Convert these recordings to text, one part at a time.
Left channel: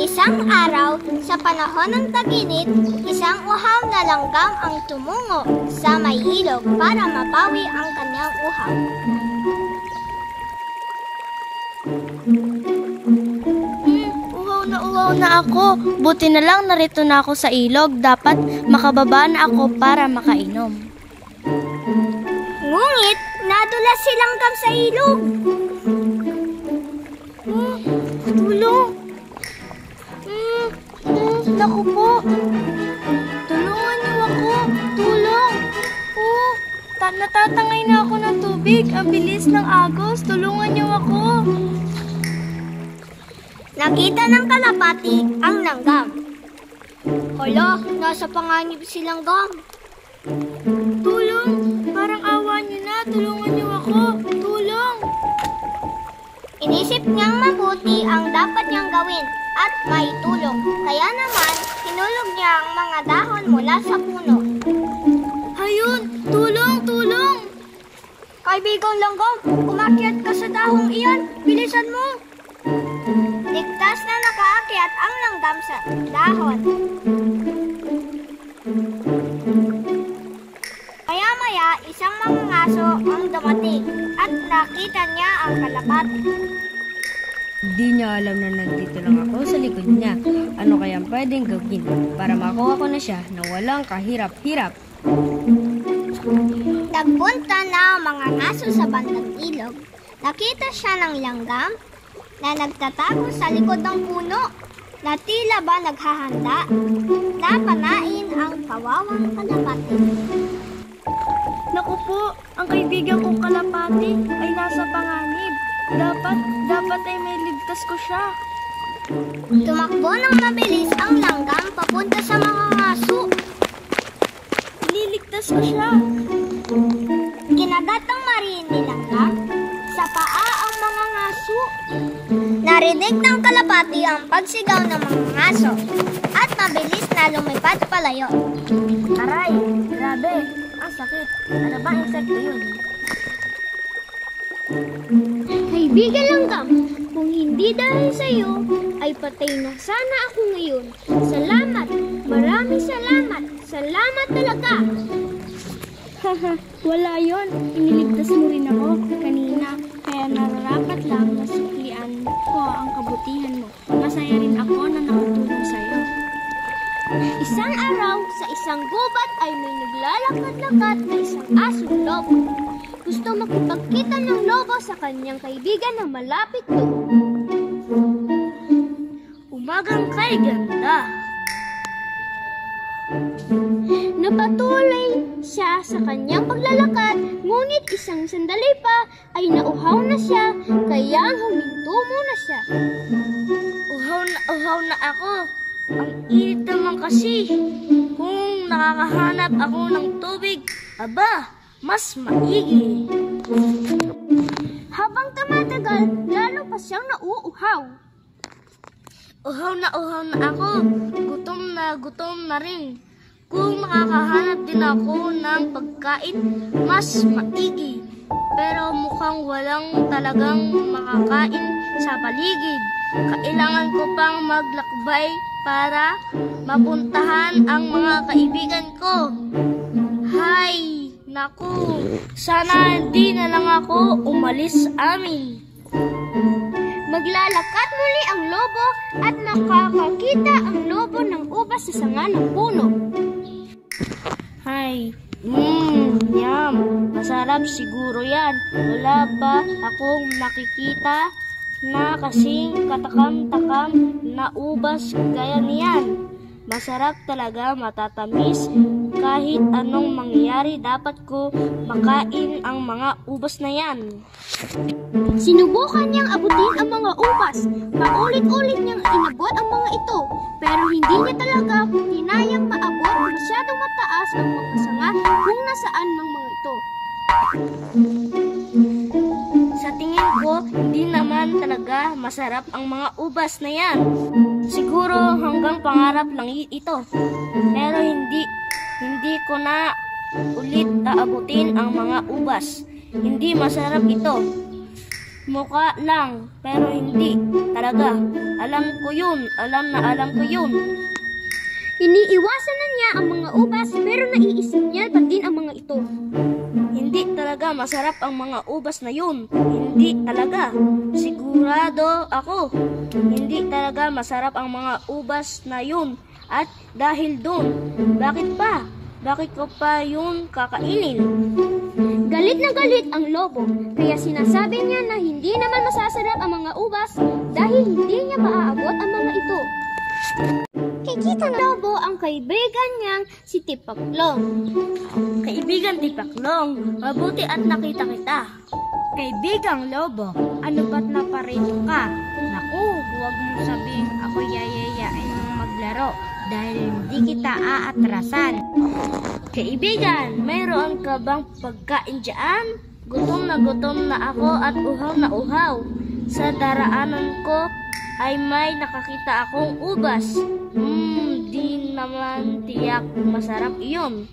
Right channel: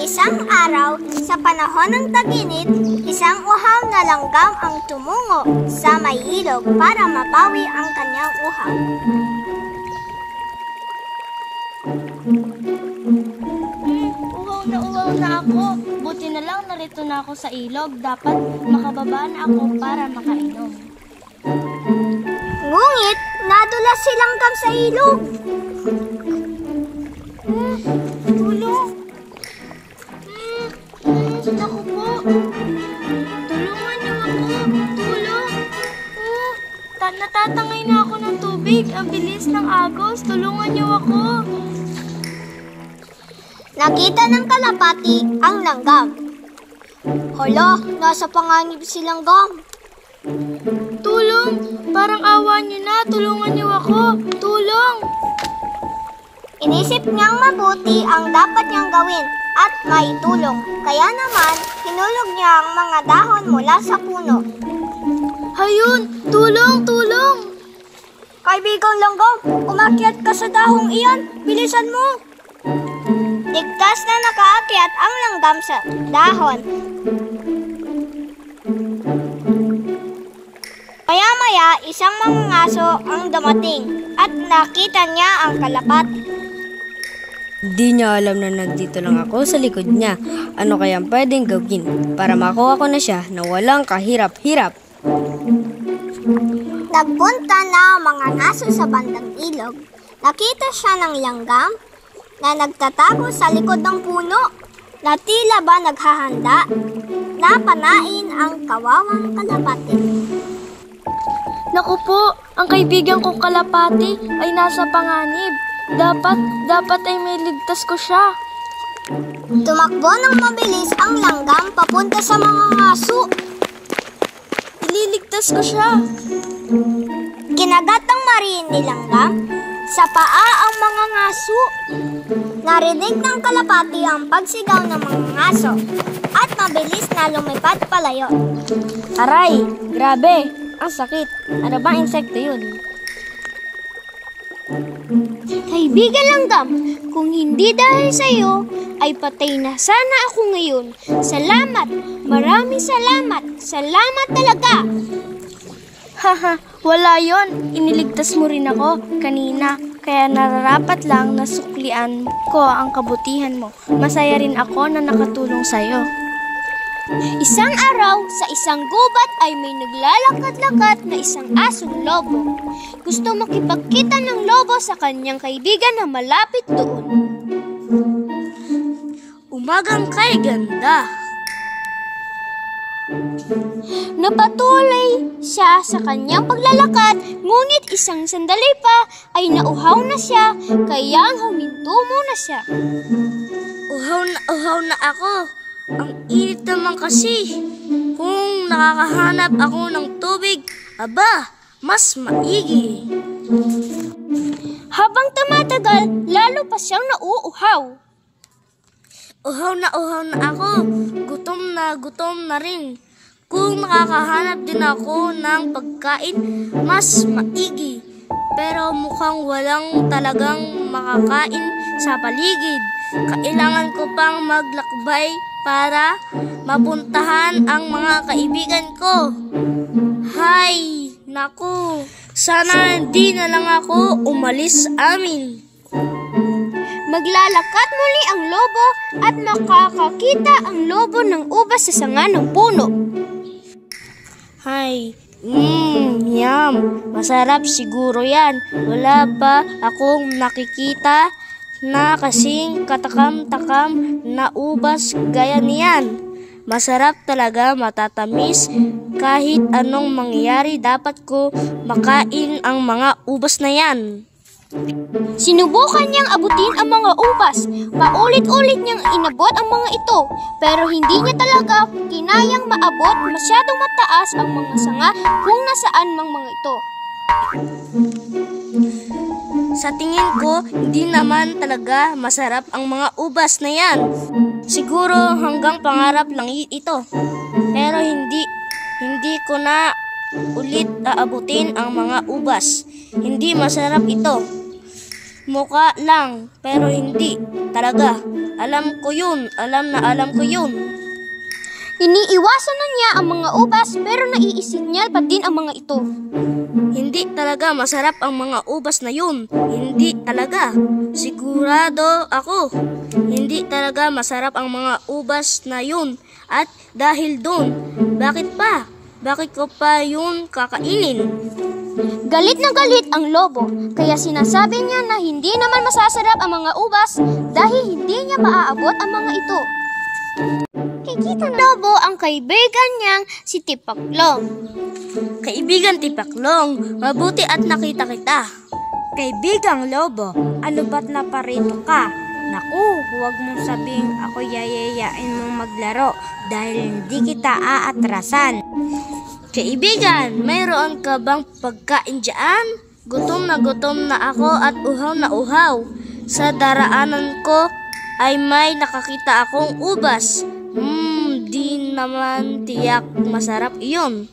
Isang araw, sa panahon ng tag-init, isang uhaw na langgam ang tumungo sa may ilog para mapawi ang kanyang uhaw. Uhaw na ako. Buti na lang narito na ako sa ilog. Dapat makababa na ako para makainom. Ngunit, nadulas si langgam sa ilog. Tulong! Naku po! Tulungan niyo ako! Tulong! Natatangay na ako ng tubig. Ang bilis ng agos. Tulungan niyo ako! Nakita ng kalapati ang langgam. Hala, nasa panganib si langgam. Tulong! Parang awa niyo na. Tulungan niyo ako! Tulong! Inisip niyang mabuti ang dapat niyang gawin at maitulong. Kaya naman, hinulog niya ang mga dahon mula sa puno. Hayun! Tulong! Tulong! Kaibigang langgam, umakyat ka sa dahong iyan. Bilisan mo! Ligtas na nakaakyat ang langgam sa dahon. Maya-maya, isang mangangaso ang dumating at nakita niya ang kalapati. Di niya alam na nandito lang ako sa likod niya. Ano kayang pwedeng gawin para makuha ko na siya na walang kahirap-hirap? Nagpunta na ang mga aso sa bandang ilog. Nakita siya ng langgam na nagtatago sa likod ng puno na tila ba naghahanda na panain ang kawawang kalapati. Naku po, ang kaibigan kong kalapati ay nasa panganib. Dapat ay may ligtas ko siya. Tumakbo ng mabilis ang langgam papunta sa mga aso. Ililigtas ko siya. Kinagat ng mariin ni langgam sa paa ang mga aso. Narinig ng kalapati ang pagsigaw ng mga aso at mabilis na lumipad palayo. Aray! Grabe! Ang sakit! Ano bang insekto yun? Kaibigan langgam, kung hindi dahil sa iyo, ay patay na sana ako ngayon. Salamat! Maraming salamat! Salamat talaga! Haha, wala yon. Iniligtas mo rin ako kanina. Kaya nararapat lang na suklian ko ang kabutihan mo. Masaya rin ako na nakatulong sa'yo. Isang araw, sa isang gubat ay may naglalakad-lakad na isang asong lobo. Gusto makipagkita ng lobo sa kanyang kaibigan na malapit doon. Umagang kay ganda! Napatuloy siya sa kanyang paglalakad, ngunit isang sandali pa ay nauhaw na siya, kaya huminto muna siya. Uhaw na ako! Ang init naman kasi. Kung nakakahanap ako ng tubig, aba, mas maigi. Habang tumatagal, lalo pa siyang nauuhaw. Uhaw na ako. Gutom na rin. Kung nakakahanap din ako ng pagkain, mas maigi. Pero mukhang walang talagang makakain sa paligid. Kailangan ko pang maglakbay para mapuntahan ang mga kaibigan ko. Hay, naku, sana hindi na lang ako umalis amin. Maglalakad muli ang lobo at makakakita ang lobo ng ubas sa sanga ng puno. Hay, yum, masarap siguro yan. Wala ba akong nakikita na kasing katakam-takam na ubas gaya niyan? Masarap talaga, matatamis. Kahit anong mangyari, dapat ko makain ang mga ubas na yan. Sinubukan niyang abutin ang mga ubas. Paulit-ulit niyang inabot ang mga ito. Pero hindi niya talaga kinayang maabot, masyadong mataas ang mga sanga kung nasaan mang mga ito. Sa tingin ko, hindi naman talaga masarap ang mga ubas na yan. Siguro hanggang pangarap lang ito. Pero hindi ko na ulit aabutin ang mga ubas. Hindi masarap ito. Mukha lang, pero hindi talaga. Alam ko yun, alam ko yun. Iniiwasan na niya ang mga ubas pero naiisip niya pa din ang mga ito. Hindi talaga masarap ang mga ubas na yun. Hindi talaga. Sigurado ako. Hindi talaga masarap ang mga ubas na yun. At dahil doon, bakit pa? Bakit ko pa yun kakainin? Galit na galit ang lobo, kaya sinasabi niya na hindi naman masasarap ang mga ubas dahil hindi niya maaabot ang mga ito. Kikita ng lobo ang kaibigan niyang si Tipaklong. Kaibigan Tipaklong, mabuti at nakita kita. Kaibigang lobo, ano ba't naparito ka? Naku, huwag mong sabing ako yayayain mong maglaro dahil hindi kita aatrasan. Kaibigan, mayroon ka bang pagkain dyan? Gutom na ako at uhaw na uhaw. Sa daraanan ko ay may nakakita akong ubas. Di naman tiyak masarap iyon.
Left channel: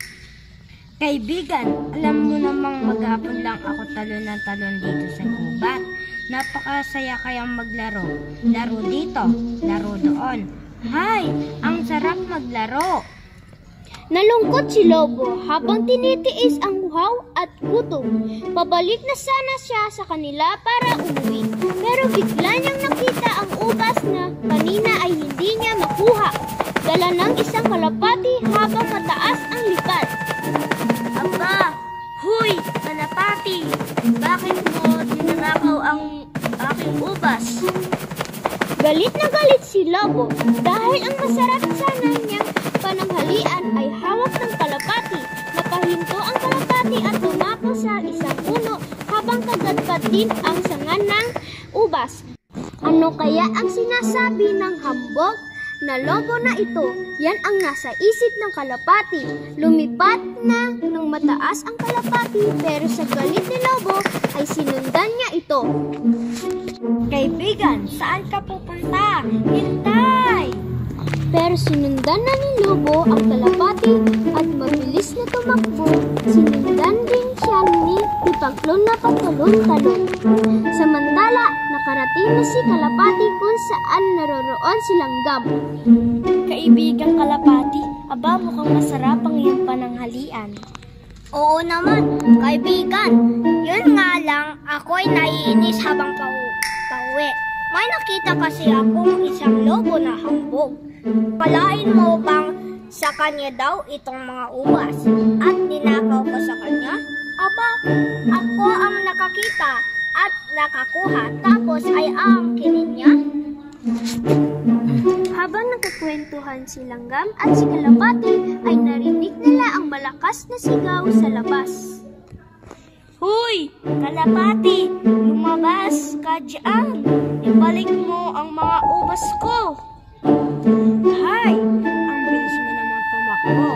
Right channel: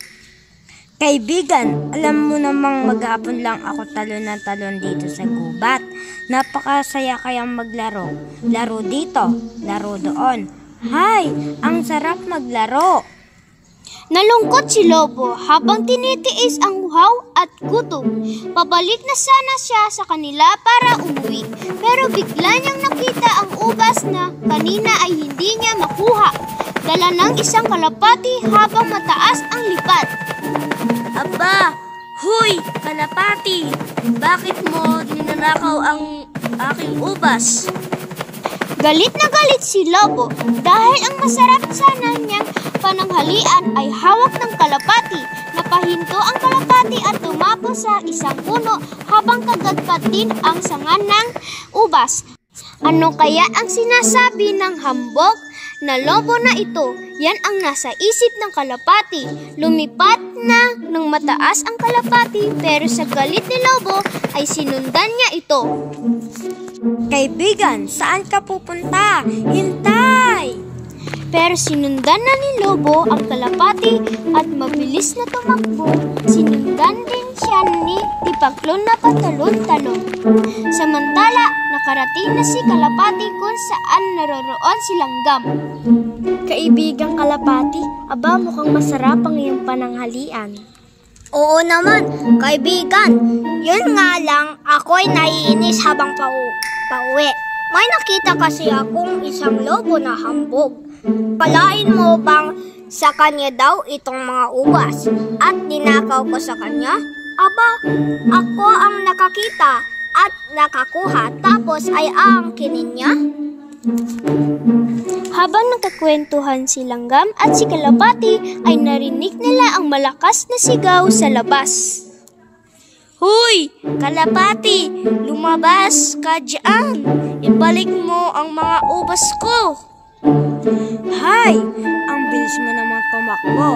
Kaibigan, alam mo namang maghapon lang ako talon ng talon dito sa gubat. Napakasaya kayang maglaro. Laro dito, laro doon. Hay, ang sarap maglaro. Nalungkot si Lobo habang tinitiis ang uhaw at gutom. Pabalik na sana siya sa kanila para umuwi. Pero bigla niyang nakita ang ubas na kanina ay hindi niya makuha. Dala ng isang kalapati habang mataas ang lipat. Aba, huy, kalapati! Bakit mo ninanakaw ang aking ubas? Galit na galit si Lobo dahil ang masarap sana niyang pananghalian ay hawak ng kalapati. Napahinto ang kalapati at tumapo sa isang puno habang kagadkad din ang sanga ng ubas. Ano kaya ang sinasabi ng hambog na lobo na ito? Yan ang nasa isip ng kalapati. Lumipat na ng mataas ang kalapati pero sa galit ni Lobo ay sinundan niya ito. Kaibigan, saan ka pupunta? Hintay! Pero sinundan na ni Lobo ang kalapati at mabilis na tumakbo. Sinundan din siya ni Tipaklong na patalon-talon. Samantala, nakarating na si kalapati kung saan naroroon si Langgam. Kaibigang kalapati, aba mukhang masarap ang iyong pananghalian. Oo naman, kaibigan. Yun nga lang, ako'y naiinis habang pauwi. May nakita kasi akong isang lobo na hambog. Palain mo bang sa kanya daw itong mga ubas at ninakaw ko sa kanya? Aba, ako ang nakakita at nakakuha tapos ay aangkinin niya? Habang nagkakwentuhan si Langgam at si Kalapati ay narinig nila ang malakas na sigaw sa labas. Huy, kalapati, lumabas ka dyan. Ibalik mo ang mga ubas ko. Hay, ang bilis mo naman tumakbo.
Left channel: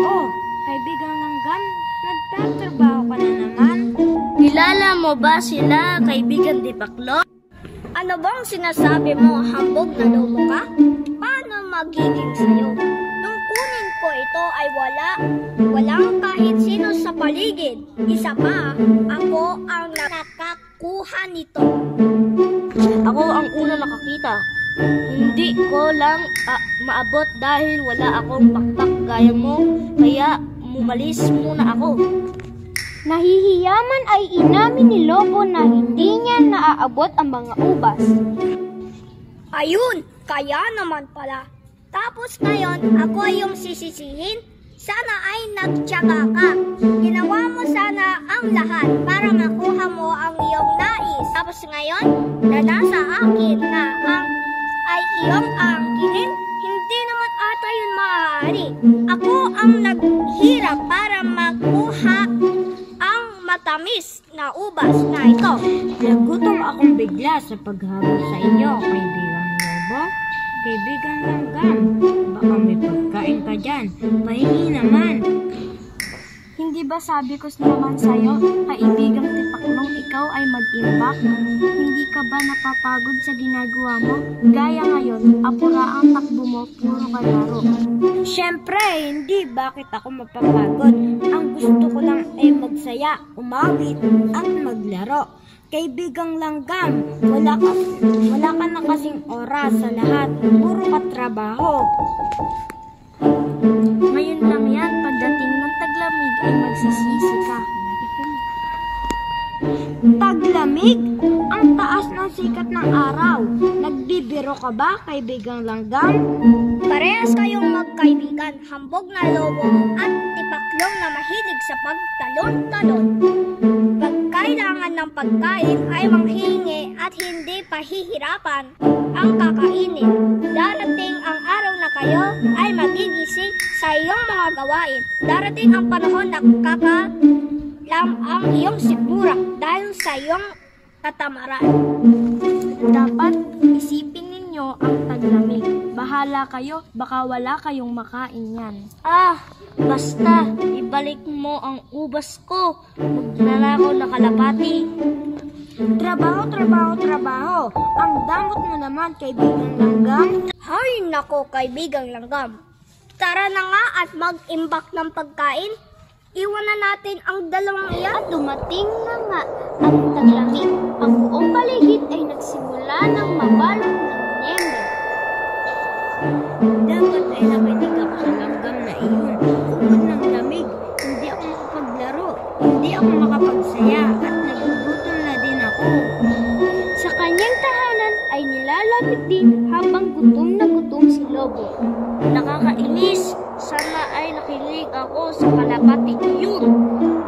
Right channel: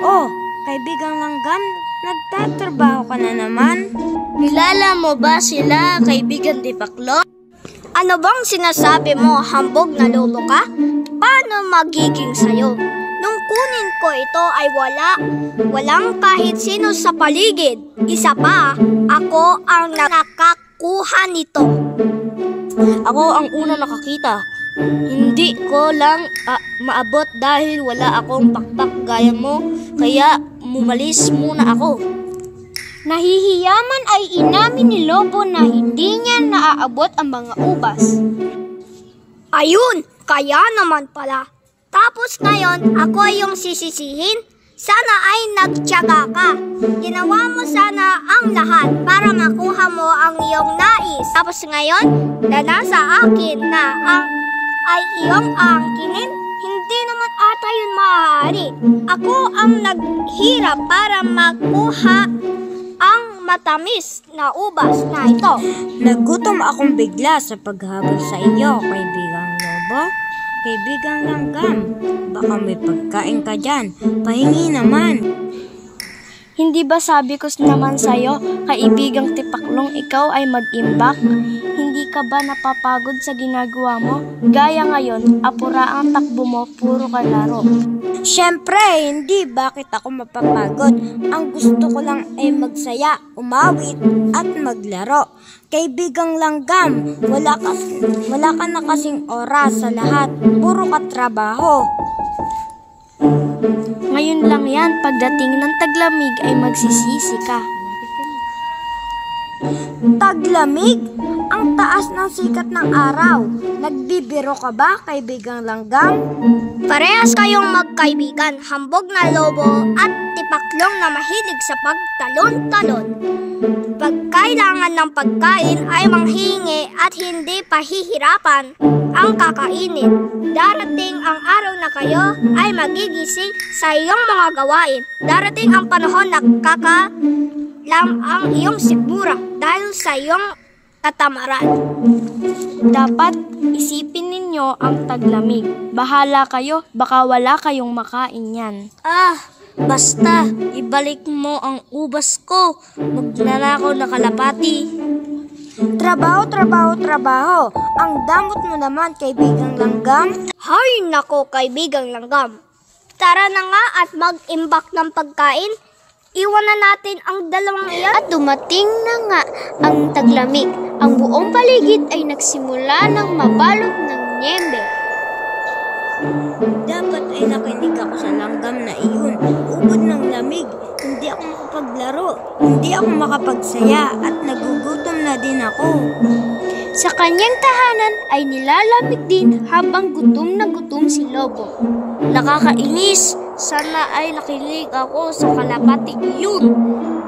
Oh, kaibigang Langgam, nagtatrabaho ka na naman. Kilala mo ba sila, kaibigan Tipaklong? Ano bang sinasabi mo, hambog na lobo ka? Paano magiging sayo? Nung kunin ko ito ay walang kahit sino sa paligid. Isa pa, ako ang nakakakuha nito. Ako ang una nakakita. Hindi ko lang maabot dahil wala akong pakpak gaya mo, kaya mumalis muna ako. Nahihiyaman ay inamin ni Lobo na hindi niya naaabot ang mga ubas. Ayun, kaya naman pala. Tapos ngayon, ako yung sisisihin. Sana ay nagtiyaga ka. Ginawa mo sana ang lahat para makuha mo ang iyong nais. Tapos ngayon, na nasa akin na ay iyong aangkinin, hindi naman ata yun maaari. Ako ang naghirap para makuha ang matamis na ubas na ito. Nagutom akong bigla sa paghabol sa inyo, kaibigang lobo. Kaibigang Langgam, baka may pagkain ka dyan. Pahingi naman. Hindi ba sabi ko naman sa'yo, kaibigang tipaklong, ikaw ay mag-imbak? Hindi ka ba napapagod sa ginagawa mo? Gaya ngayon, apura ang takbo mo, puro ka laro. Siyempre, hindi. Bakit ako mapapagod? Ang gusto ko lang ay magsaya, umawit, at maglaro. Kaibigang langgam, wala ka na kasing oras sa lahat. Puro ka trabaho. Ngayon lang yan, pagdating ng taglamig ay magsisisi ka. Taglamig? Ang taas ng sikat ng araw. Nagbibiro ka ba, kaibigang langgam? Parehas kayong magkaibigan, hambog na lobo at tipaklong na mahilig sa pagtalon-talon. Pag kailangan ng pagkain ay manghingi at hindi pahihirapan ang kakainin. Darating ang araw na kayo ay magigising sa iyong mga gawain. Darating ang panahon na kakalam ang iyong sikmura dahil sa iyong katamaran. Dapat isipin ninyo ang taglamig. Bahala kayo, baka wala kayong makain yan. Basta, ibalik mo ang ubas ko. Magnanakaw na kalapati. Trabaho, trabaho, trabaho. Ang damot mo naman, kaibigang langgam. Hay nako, kaibigang langgam. Tara na nga at mag-imbak ng pagkain. Iwan na natin ang dalawang iyan. At dumating na nga ang taglamig. Ang buong paligid ay nagsimula ng mabalot ng niyembe. Dapat ay nakinig ako sa langgam na iyon. Ubod ng lamig. Hindi ako makapaglaro. Hindi ako makapagsaya. At nagugutom na din ako. Sa kanyang tahanan ay nilalamig din habang gutom na gutom si Lobo. Nakakainis. Sana ay nakinig ako sa kalapati iyon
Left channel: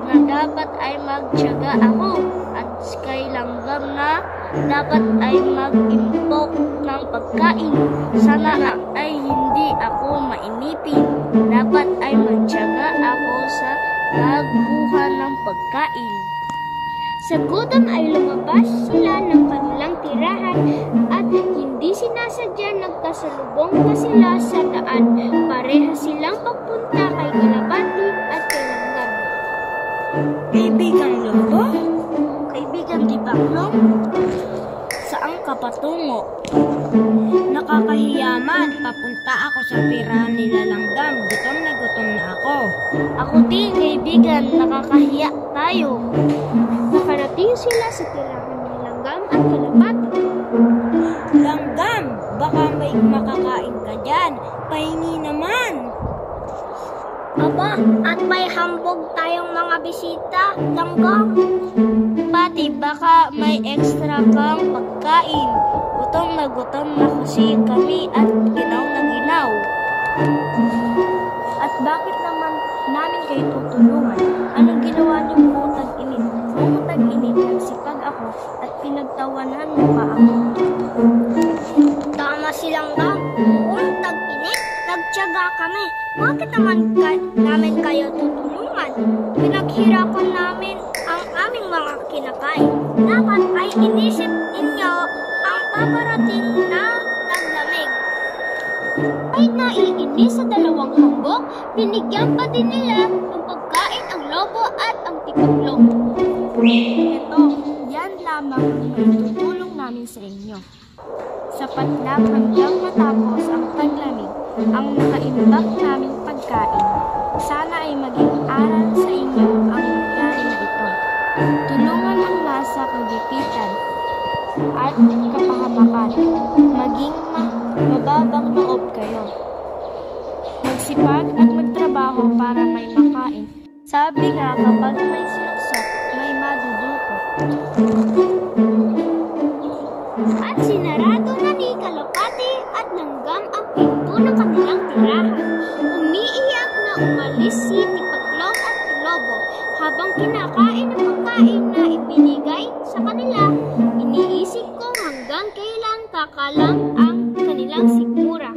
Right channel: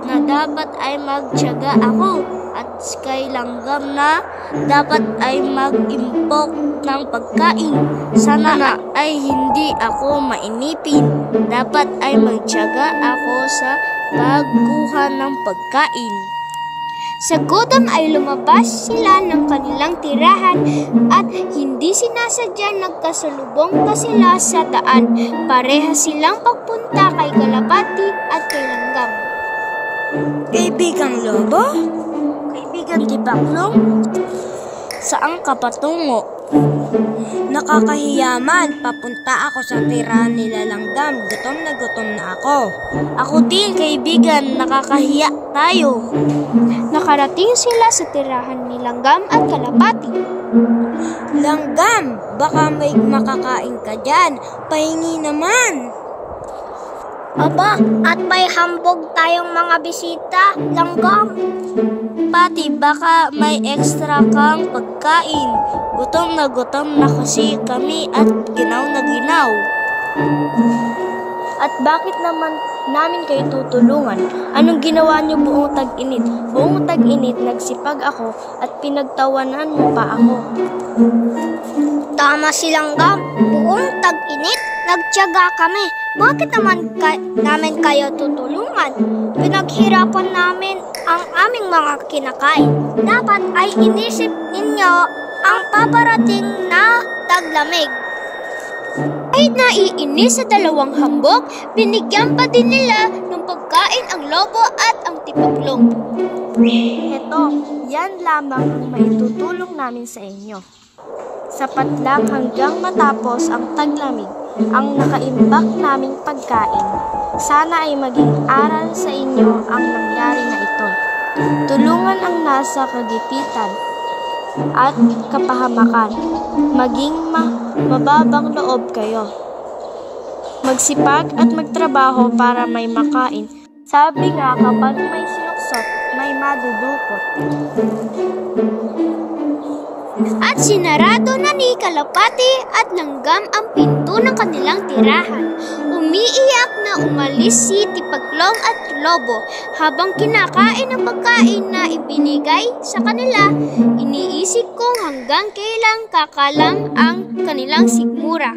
na dapat ay magtiyaga ako at kay langgam na dapat ay mag-impok ng pagkain. Sana na ay hindi ako mainipin. Dapat ay magtiyaga ako sa pagkuha ng pagkain. Sa gutom ay lumabas sila ng kanilang tirahan at hindi sinasadya nagkasalubong pa sila sa daan. Pareha silang pagpunta kay Kalapati at kay Langgam. Kaibigang lobo? Kaibigan tipaklong, saan ka patungo? Nakakahiyaman. Papunta ako sa tirahan nila langgam. Gutom na ako. Ako din, kaibigan, nakakahiya tayo. Nakarating sila sa tirahan ni Langgam at Kalapati. Langgam, baka may makakain ka dyan. Pahingi naman. Aba, at may hambog tayong mga bisita, langgam. Pati baka may extra kang pagkain. Gutom na kasi kami at ginaw na ginaw. At bakit naman namin kayo tutulungan? Anong ginawa niyo buong tag-init? Buong tag-init nagsipag ako at pinagtawanan mo pa ako. Tama si langgam, buong tag-init, nagtiyaga kami. Bakit naman namin kayo tutulungan? Pinaghirapan namin ang aming mga kinakain. Dapat ay inisip ninyo ang paparating na taglamig. Ay naiinis sa dalawang hambog, binigyan pa din nila ng pagkain ang lobo at ang tipaklong. Ito, yan lamang ang maitutulong namin sa inyo. Sapat lang hanggang matapos ang taglamig ang nakaimbak naming pagkain. Sana ay maging aral sa inyo ang nangyari na ito. Tulungan ang nasa kagipitan at kapahamakan. Maging mababang loob kayo. Magsipag at magtrabaho para may makain. Sabi nga, kapag may sinuksot, may madudukot. At sinarado na ni Kalapati at Langgam ang pinto ng kanilang tirahan. Umiiyak na umalis si Tipaklong at Lobo habang kinakain ang pagkain na ibinigay sa kanila. Iniisip kung hanggang kailan kakalam ang kanilang sikmura.